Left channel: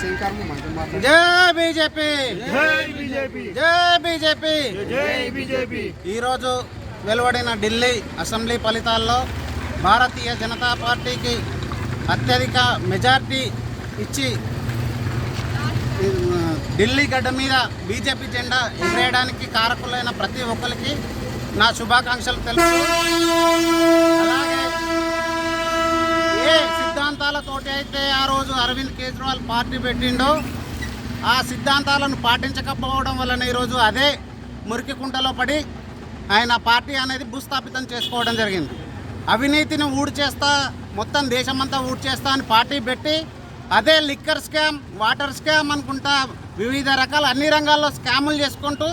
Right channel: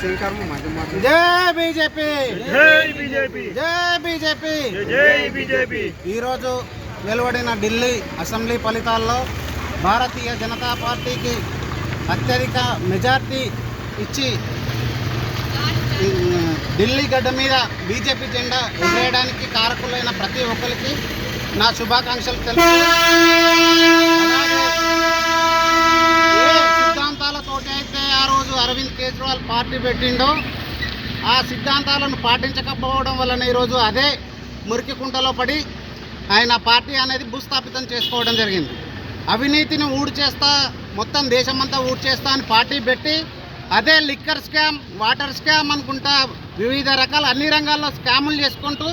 జై బీజేపీ, జై బీజేపీ, జై బీజేపీ. ఈరోజు వెలువడిన ఢిల్లీ అసెంబ్లీ ఫలితాల్లో భారతీయ జనతా పార్టీకి అత్యధిక మెజార్టీ ఇచ్చి ఢిల్లీ గడ్డ మీద బీజేపీ జెండా ఎగరేయడానికి కారకులైన ప్రతి ఒక్కరికి నా శుభాకాంక్షలు తెలుసు. అలాగే ఏ సిద్ధాంతాలతోటి అయితే ఆ రోజు అరవింద్ కేజ్రీవాల్ పార్టీ పెట్టిండో ఆ సిద్ధాంతాలను పాటించకపోవడం వలన ఈరోజు అదే మురికి కుంటలో పడి ఆయన పార్టీ అనేది భూస్థాపితం చేసుకోవడం జరిగింది. అవినీతిని ఊడ్చేస్తా, మొత్తం దేశమంతా ఊడ్చేస్తా అని పార్టీ పెట్టి అదే లిక్కర్ స్కామ్, వాటర్ స్కామ్ అనుకుంటా వివిధ రకాల అన్ని రంగాల్లో స్కాములు చేసుకుంటూ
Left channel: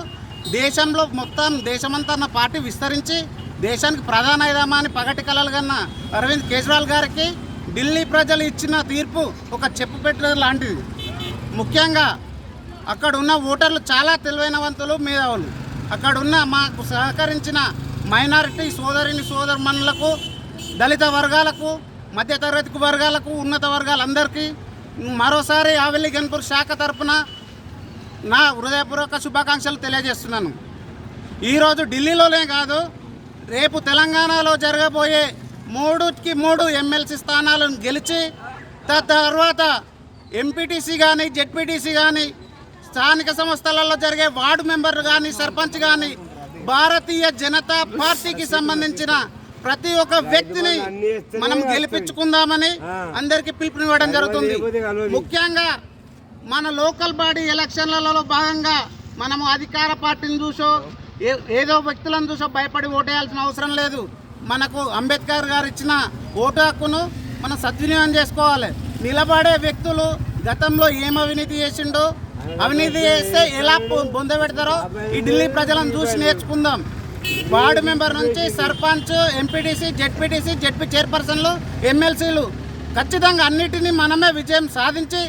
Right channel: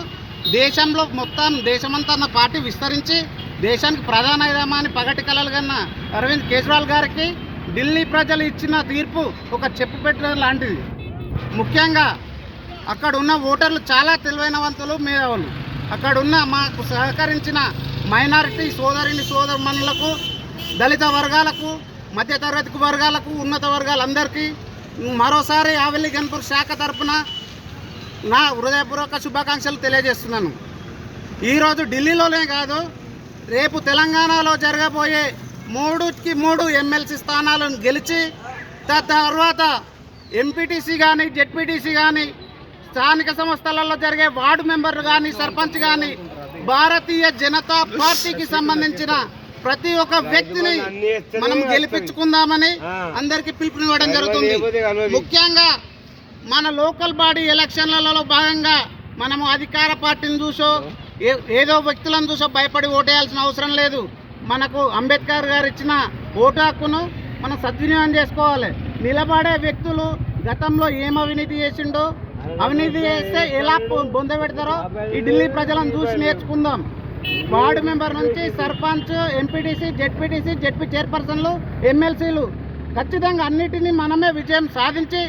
దేశంలో మొత్తం దేశమంతా ఉన్న పార్టీ విస్తరించి దేశానికి ప్రధాన యజమాని పగటి కలలు కన్నా అరవింద్ కేజ్రీవాల్ గారికి ఢిల్లీ ప్రజలు ఇచ్చిన తీర్పు ఒక చెప్పు పెట్టడం లాంటిది. ముఖ్యంగా అక్కడ ఉన్న ఓటర్లు చాలా తెలివైనవంతులు, మేధావులు. అక్కడ ఉన్న మాకు సహకరించిన మైనారిటీ సోదరుమణులకు, దళిత వర్గాలకు, మధ్యతరగతి వర్గాలకు, ఉన్నత వర్గాలందరికీ మరోసారి ఆవెల్లి గన్పూర్ శాఖ తరఫున నా హృదయపూర్వక శుభాకాంక్షలు తెలియజేస్తున్నాను. ఈరోజు ఢిల్లీలోనే కాదు, రేపు తెలంగాణలో జరగబోయే 3కి 3 ఎమ్మెల్సీ స్థానాలను గెలిచి తర్వాత ఎంపీటీసీ కానీ, జెడ్పీటీసీ కానీ, స్థానిక సంస్థలలో జరిగే వార్డు మెంబర్లు కానీ, సర్పంచ్ కానీ భారతీయ జనతా పార్టీకి సంబంధించిన ప్రతి ఒక్క వ్యక్తిని మనం గెలిపించుకుందామని అందరికీ పిలుపునివ్వడం జరుగుతుంది. ముఖ్యంగా మన లోకల్ బాడీ ఎలక్షన్లలో భాగంగా మనము అధికార పార్టీని చూసో ఏదో వ్యక్తులను చూసో భయపడి ఓటేయాల్సిన అవసరం లేదు. మనకు అంబేద్కర్ గారు ఇచ్చిన ఓటు హక్కును మనం సద్వినియోగం చేసుకోవాలి. నిలబడే వ్యక్తులు గతంలో ఏం అవినీతి చేసిండో, అవినీతి చేస్తే ఎలా బొందబెడతారో ఈ ఢిల్లీ ప్రజలను చూసి నేర్చుకుందాం. వార్డు మెంబర్ నుంచి సర్పంచ్, ఎంపీటీసీ, జెడ్పీ చైర్పర్సన్లు, ఎమ్మెల్సీలు ఖచ్చితంగా అన్నిటినీ మనమే విజయం సాధించి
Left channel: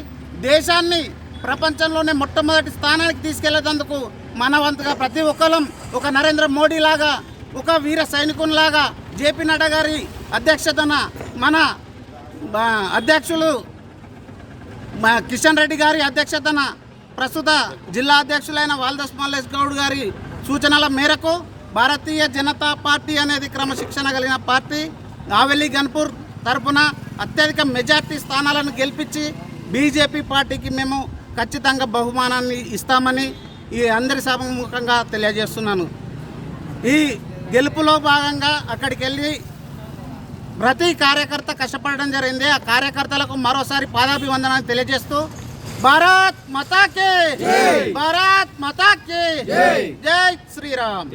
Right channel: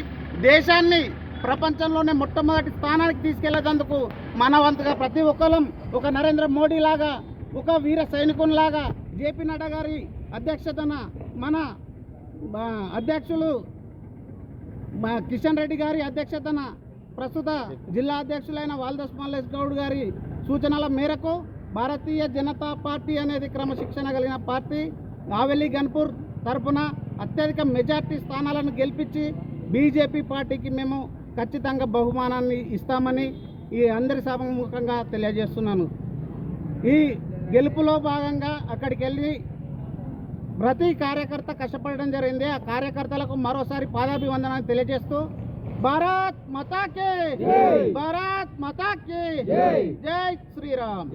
దేశాన్ని ప్రపంచంలోనే మొట్టమొదటి స్థానానికి తీసుకెళ్లేందుకు మన వంతుగా ప్రతి ఒక్కరం ఒక నరేంద్ర మోడీ లాగా, ఒక వీర సైనికునిలాగా జేపీ నడ్డా గారి అధ్యక్షతన మన అధ్యక్షులు కిషన్ రెడ్డి గారి అధ్యక్షతన ప్రస్తుత జిల్లా అధ్యక్షులైన వాల్దాస్ మల్లేష్ గౌడ్ గారి సూచనల మేరకు భారతీయ జనతా పార్టీ అనేది క్రమశిక్షణ కలిగిన పార్టీ ఆవెల్లి గన్పూర్ తరఫున అత్యధిక మెజార్టీ స్థానాలను గెలిపించి బీజేపీ పార్టీకి మేము ఖచ్చితంగా బహుమానాన్ని ఇస్తామని ఈ అందరి సభముఖంగా తెలియజేస్తున్నాను. ఈ గెలుపులో భాగంగా అక్కడికి వెళ్ళి ప్రతి కార్యకర్త కష్టపడడం జరిగింది. ఆ కార్యకర్తలకు మరోసారి పాదాభివందనాన్ని తెలియజేస్తూ భారత్ మాతా కే, భారత్ మాతా కే, జై శ్రీరామ్.